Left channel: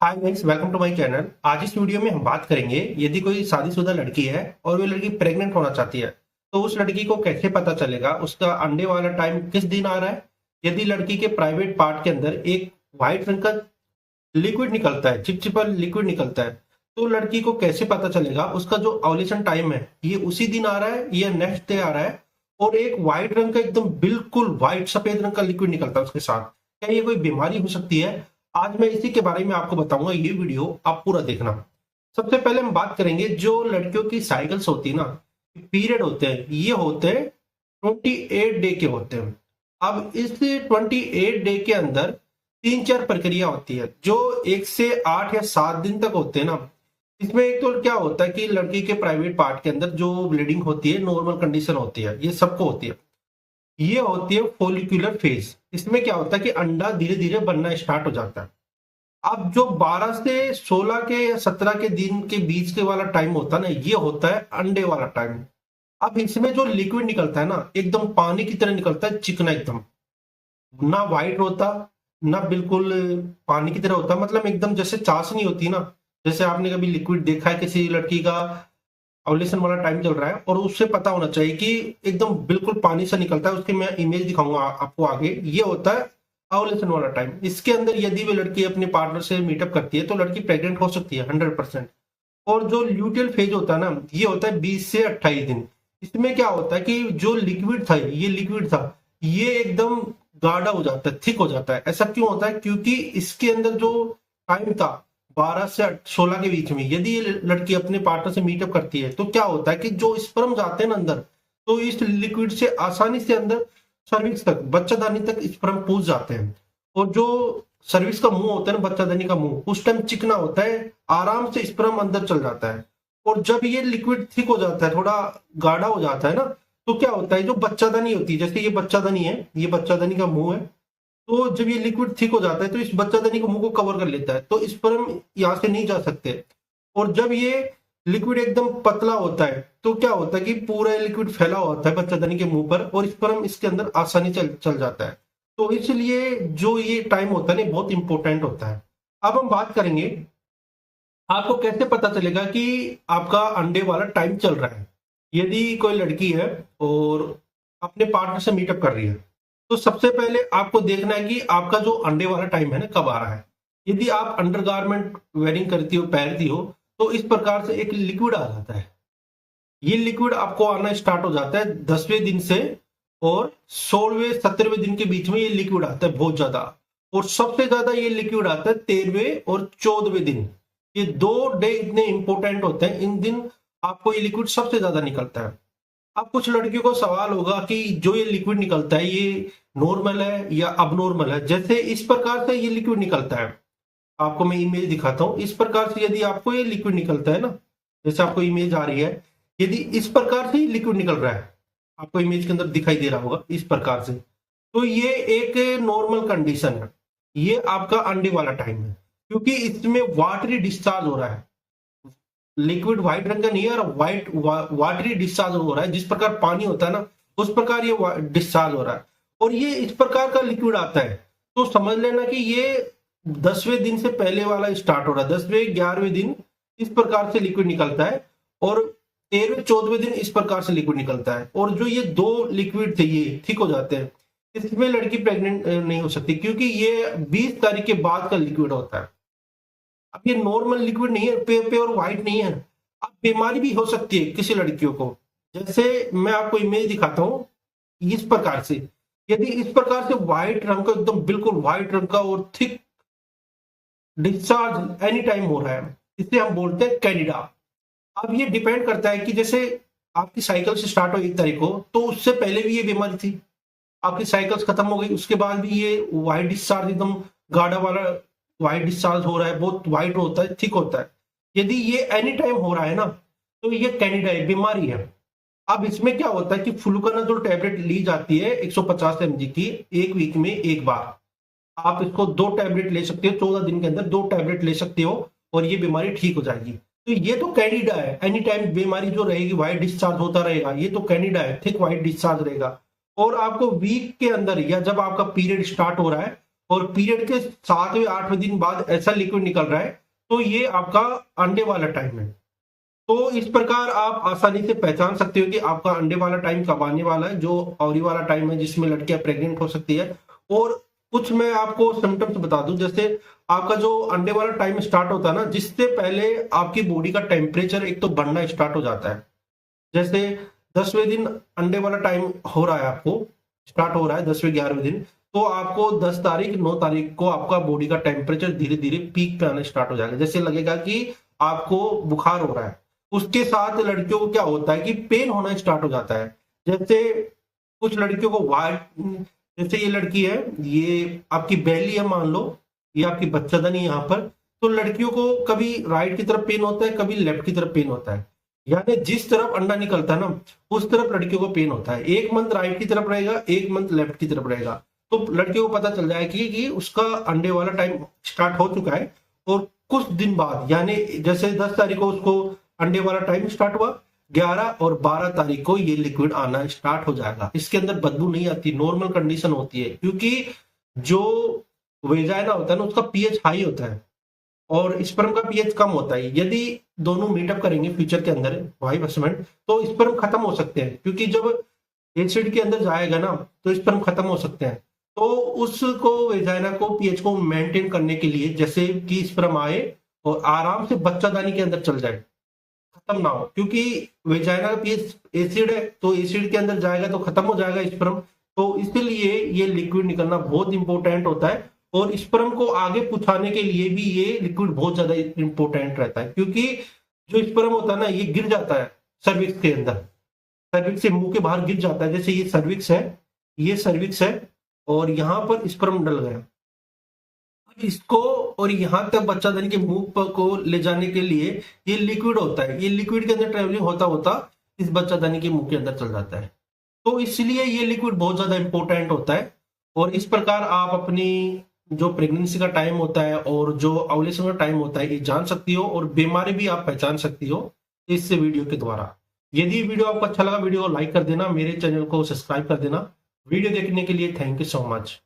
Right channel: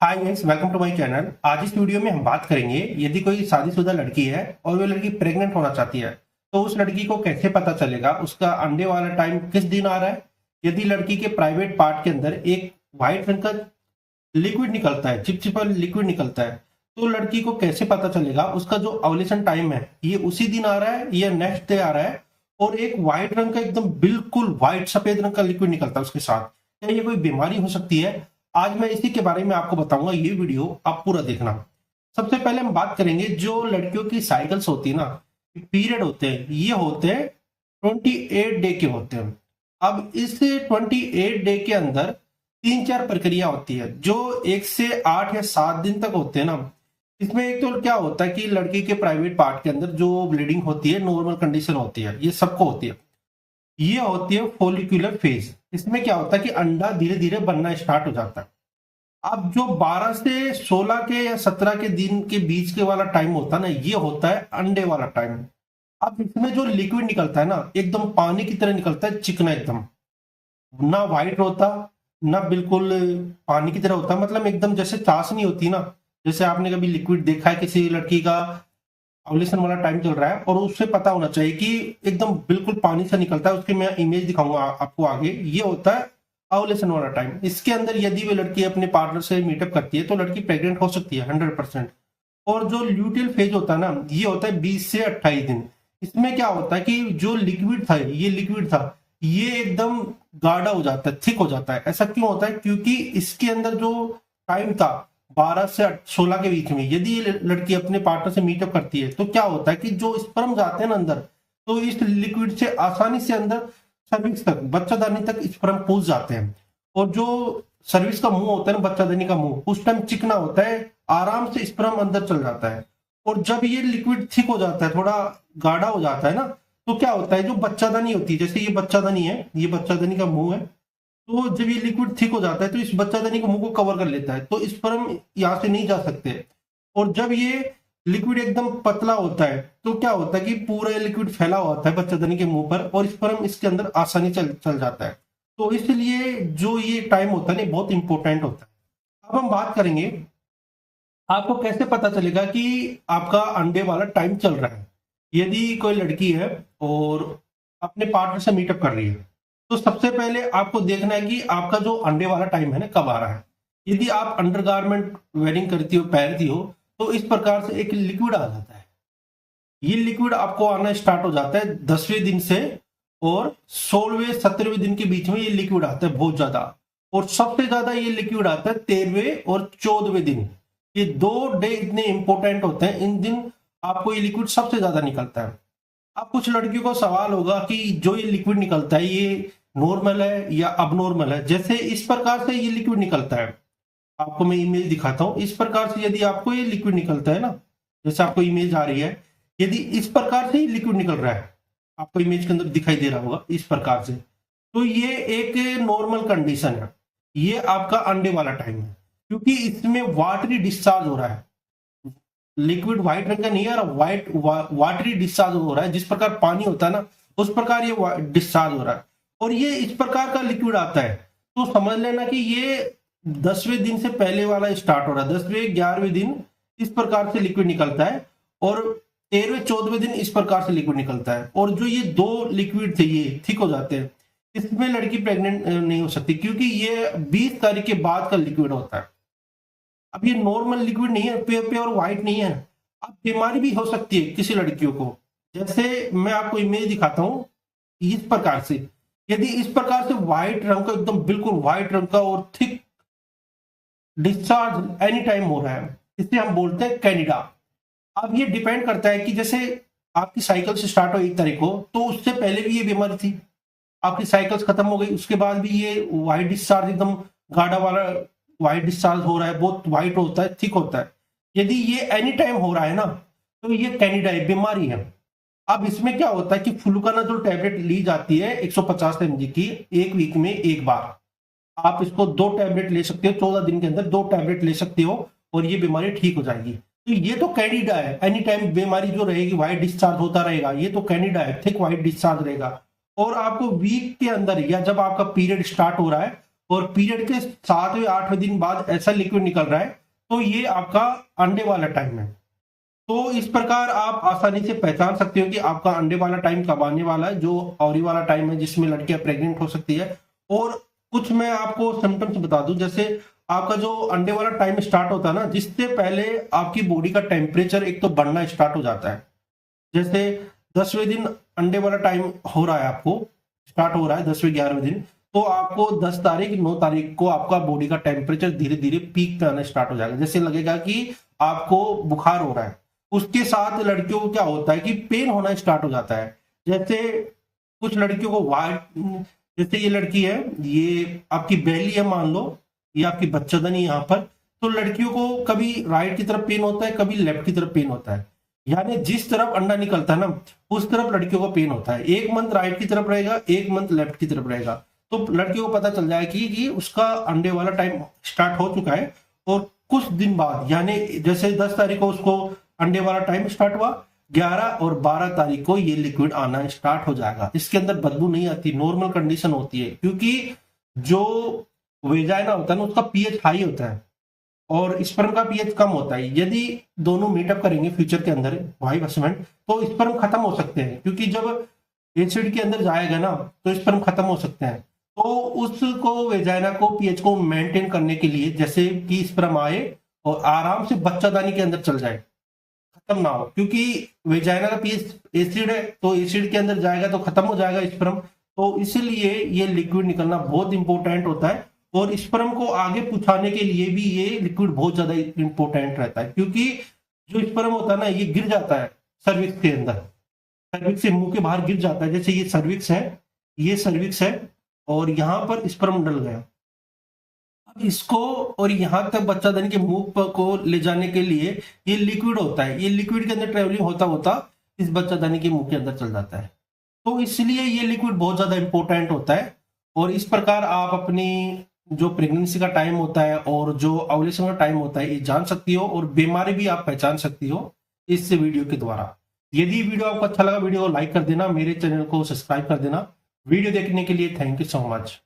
Hi guys, welcome to my channel. आज इस video में हम बात करेंगे, यदि कोई शादीशुदा लड़की है और वो लड़की प्रेग्नेंट होना चाहती है तो उस लड़की को कैसे पता चलेगा उसका अंडे वाला टाइम किस दिन आ रहा है। यदि लड़की के प्राइवेट पार्ट के अंदर एक व्हाइट रंग का लिक्विड निकलता है, चिपचिपा लिक्विड निकलता है, तो लड़की को कैसे पता चलेगा उसका जो ओव्यूलेशन टाइम है ये उसी दिन आ रहा है या नेक्स्ट डे आ रहा है। और एक व्हाइट रंग का एकदम बिल्कुल व्हाइट सफेद रंग का लिक्विड निकलता है उसके साथ, क्या ये कोई बीमारी हो सकती है? आज मैं इसी के बारे में आपको बताऊंगा, ये वीडियो आप पूरा देखना। सबसे पहले हम बात करेंगे जो लड़कियों की साइकिल्स होती है ना, पीरियड होते हैं, ये होते हैं 28 डे के होते हैं। अब इस 28 डे के अंदर तीन चार प्रक्रिया होती है जो 1 से 8 या 7 दिन तक होते हैं ना। इसमें एक तो क्या होता है कि लड़की के प्राइवेट पार्ट के अंदर जो ब्लीडिंग होती है नॉर्मल कंडीशन होती है, ये सबको होती है। ये होती है फोलिकुलर फेज। इसमें क्या होता है कि अंडा धीरे धीरे बनना स्टार्ट हो जाता है। अब जो 12 से 16 के या 17 के दिन के बीच के वाला टाइम होता है ना, ये होता है अंडे वाला टाइम। अब इसमें जो लिक्विड निकलता है ना, एकदम पानी की तरह निकलता है, चिकना एकदम, ना व्हाइट होता ना बिल्कुल पानी की तरह होता, मतलब एकदम जैसे चाशनी होती है ना। जैसे आपने कभी लिक्विड देखा है किसी लड़की का ओव्यूलेशन वाला टाइम चल रहा है और उससे पता होना चाहिए कि एकदम बिल्कुल पानी से निकलता है, उसकी मैं इमेज दिखाऊंगा आपको आगे। ये होता है ओव्यूलेशन वाला टाइम। इसके अंदर यदि वो लड़की अपने पार्टनर से मीटअप करती है तो लड़की प्रेग्नेंट हो सकती है 100%। और जो ल्यूटियल फेज होता है ना, ये होता है 20 से 28 दिन। इसमें क्या होता है कि जो लिक्विड था, ये लिक्विड था, ये एकदम गाढ़ा हो जाता है, थिक हो जाता है। ऐसा क्यों होता है? क्योंकि इसके अंदर जो टाइम था 12 से 16 के बीच में, यदि ये लड़की अपने पार्टनर से मीटअप करती है तो क्या होता है कि जो स्पर्म जाते हैं ना अंदर, तो इस लिक्विड से आसानी से अंदर सर्विक्स तक, बच्चादानी तक स्पर्म पहुंच जाते हैं। और जो सर्विक्स का मुंह होता है ना, बच्चादानी का मुंह, उस टाइम चिकना होता है, आराम से स्पर्म अंदर चल जाता है। और जब ये लिक्विड थिक हो जाता है, थोड़ा गाढ़ा हो जाता है ना, तो क्या होता है, जो बच्चादानी होती है, जैसे ये बच्चादानी है, ये बच्चादानी का मुंह है, तो जब ये लिक्विड थिक हो जाता है तो इस बच्चादानी को मुंह को कवर कर लेता है, तो स्पर्म यहाँ से नहीं जा सकते। और जब ये लिक्विड एकदम पतला होता है तो क्या होता है कि पूरा लिक्विड फैला होता है बच्चादानी के मुंह पर और स्पर्म इसके अंदर आसानी चल चल जाता है। तो इसलिए जो ये टाइम होता है ना, बहुत इंपॉर्टेंट होता है। अब हम बात करेंगे आपको कैसे पता चलेगा कि आपका अंडे वाला टाइम चल रहा है। यदि कोई लड़की है और अपने पार्टनर से मीटअप कर रही है तो सबसे पहले आपको देखना है कि आपका जो अंडे वाला टाइम है ना, कब आ रहा है। यदि आप अंडरगारमेंट वेयरिंग करती हो, पहनती हो, तो इस प्रकार से एक लिक्विड आ जाता है। ये लिक्विड आपको आना स्टार्ट हो जाता है 10वें दिन से, और 16वें 17वें दिन के बीच में ये लिक्विड आता है बहुत ज्यादा। और सबसे ज्यादा ये लिक्विड आता है 13वें और 14वें दिन। ये 2 डे इतने इंपॉर्टेंट होते हैं, इन दिन आपको ये लिक्विड सबसे ज्यादा निकलता है। अब कुछ लड़कियों को सवाल होगा कि जो ये लिक्विड निकलता है ये नॉर्मल है या अबनॉर्मल है। जैसे इस प्रकार से ये लिक्विड निकलता है, आपको मैं इमेज दिखाता हूं। इस प्रकार से यदि आपको ये लिक्विड निकलता है ना, जैसे आपको इमेज आ रही है, यदि इस प्रकार से ही लिक्विड निकल रहा है, आपको इमेज के अंदर दिखाई दे रहा होगा इस प्रकार से, तो ये एक नॉर्मल कंडीशन है। ये आपका अंडे वाला टाइम है, क्योंकि इसमें वाटरी डिस्चार्ज हो रहा है। लिक्विड व्हाइट रंग का नहीं है, व्हाइट वाटरी डिस्चार्ज हो रहा है। जिस प्रकार पानी होता है ना, उस प्रकार ये डिस्चार्ज हो रहा है। और ये इस प्रकार का लिक्विड आता है, तो समझ लेना कि ये 10वें दिन से पहले वाला स्टार्ट हो रहा है। 10वें 11वें दिन इस प्रकार से लिक्विड निकलता है, और 13वें 14वें दिन इस प्रकार से लिक्विड निकलता है। और जो ये 2 लिक्विड थे ये ठीक हो जाते हैं, इसमें लड़की प्रेग्नेंट नहीं हो सकती, क्योंकि ये 20 तारीख के बाद का लिक्विड होता है। अब ये नॉर्मल लिक्विड नहीं है, प्योर व्हाइट नहीं है। अब बीमारी भी हो सकती है किसी लड़कियों को। जैसे मैं आपको इमेज दिखाता हूँ इस प्रकार से। यदि इस प्रकार से व्हाइट रंग का, एकदम बिल्कुल व्हाइट रंग का और थिक डिस्चार्ज एनी टाइम हो रहा है, इसे हम बोलते हैं कैंडिडा। अब ये डिपेंड करता है कि जैसे आपकी साइकिल से स्टार्ट हो 1 तारीख को, तो उससे पहले भी ये बीमारी थी, आपकी साइकिल्स खत्म हो गई, उसके बाद भी ये व्हाइट डिस्चार्ज, एकदम गाढ़ा वाला व्हाइट डिस्चार्ज हो रहा है, बहुत व्हाइट होता है, ठीक होता है। यदि ये एनी टाइम हो रहा है ना, तो ये कैंडिडा है, बीमारी है। अब इसमें क्या होता है कि फ्लूकानाजोल टैबलेट ली जाती है 150 mg की, 1 वीक में 1 बार। आप इसको 2 टैबलेट ले सकते हो, 14 दिन के अंदर 2 टैबलेट ले सकते हो, और ये बीमारी ठीक हो जाएगी। तो ये तो कैंडिडा है, एनी टाइम बीमारी जो रहेगी, व्हाइट डिस्चार्ज होता रहेगा, ये तो कैंडिडा है, थिक व्हाइट डिस्चार्ज रहेगा। और आपको वीक के अंदर या जब आपका पीरियड स्टार्ट हो रहा है और पीरियड के 7वें 8वें दिन बाद ऐसा लिक्विड निकल रहा है, तो ये आपका अंडे वाला टाइम है। तो इस प्रकार आप आसानी से पहचान सकते हो कि आपका अंडे वाला टाइम कब आने वाला है, जो ऑवरी वाला टाइम है जिसमें लड़कियां प्रेग्नेंट हो सकती है। और कुछ मैं आपको सिम्टम्स बता दूं, जैसे आपका जो अंडे वाला टाइम स्टार्ट होता है ना, जिससे पहले आपकी बॉडी का टेम्परेचर एक तो बढ़ना स्टार्ट हो जाता है। जैसे 10वें दिन अंडे वाला टाइम हो रहा है, आपको स्टार्ट हो रहा है 10वें 11वें दिन, तो आपको 10 तारीख 9 तारीख को आपका बॉडी का टेम्परेचर धीरे धीरे पीक पे आना स्टार्ट हो जाएगा। जैसे लगेगा कि आपको बुखार हो रहा है। उसके साथ लड़कियों को क्या होता है कि पेन होना स्टार्ट हो जाता है। जैसे कुछ लड़कियों को वाइट, जैसे ये लड़की है, ये आपकी बेली है मान लो, ये आपकी बच्चादानी यहाँ पर, तो लड़कियों को कभी राइट की तरफ पेन होता है, कभी लेफ्ट की तरफ पेन होता है। यानी जिस तरफ अंडा निकलता है ना, उस तरफ लड़कियों को पेन होता है। एक मंथ राइट की तरफ रहेगा, एक मंथ लेफ्ट की तरफ रहेगा। तो लड़कियों को पता चल जाएगा कि उसका अंडे वाला टाइम स्टार्ट हो चुका है। और कुछ दिन बाद, यानी जैसे 10 तारीख को उसको अंडे वाला टाइम स्टार्ट हुआ, 11 और 12 तारीख को ये लिक्विड आना स्टार्ट हो जाएगा। इसके अंदर बदबू नहीं आती, नॉर्मल कंडीशन होती है, क्योंकि जो वेजाइना होता है ना, उसका पीएच हाई होता है और स्पर्म का पीएच कम होता है। यदि दोनों मीटअप करेंगे फ्यूचर के अंदर वाइफ हस्बैंड, तो स्पर्म खत्म हो सकते हैं, क्योंकि जब एसिड के अंदर जाएगा ना, तो स्पर्म खत्म हो सकते हैं। तो उसको वेजाइना को पीएच को मेंटेन करने के लिए, जैसे कि स्पर्म आए और आराम से बच्चादानी के अंदर चल जाए, खत्म ना हो, क्योंकि वेजाइना का पीएच एसिड है, तो एसिड के अंदर जाएगा तो खत्म हो जाएगा स्पर्म। तो इसलिए ये लिक्विड निकलना बहुत इंपॉर्टेंट होता है। और स्पर्म को आगे पहुंचाने के लिए भी ये लिक्विड बहुत ज्यादा इंपॉर्टेंट रहता है, क्योंकि जो स्पर्म होता है ना, ये गिर जाता है सर्विक्स के अंदर, सर्विक्स से मुंह के बाहर गिर जाता है। जैसे ये सर्विक्स है, ये सर्विक्स है, और यहाँ पर स्पर्म डल गया। अब इसको और यहाँ तक बच्चादानी के मुंह को ले जाने के लिए ये लिक्विड होता है। ये लिक्विड के अंदर ट्रेवलिंग होता होता इस बच्चादानी के मुंह के अंदर चल जाता है। तो इसलिए ये लिक्विड बहुत ज्यादा इंपॉर्टेंट होता है। और इस प्रकार आप अपनी जो प्रेगनेंसी का टाइम होता है और जो ओव्यूलेशन का टाइम होता है, ये जान सकती हो, और बीमारी भी आप पहचान सकती हो इस वीडियो के द्वारा। यदि वीडियो आपको अच्छा लगा, वीडियो को लाइक कर देना, मेरे चैनल को सब्सक्राइब कर देना। वीडियो देखने के लिए थैंक यू सो मच।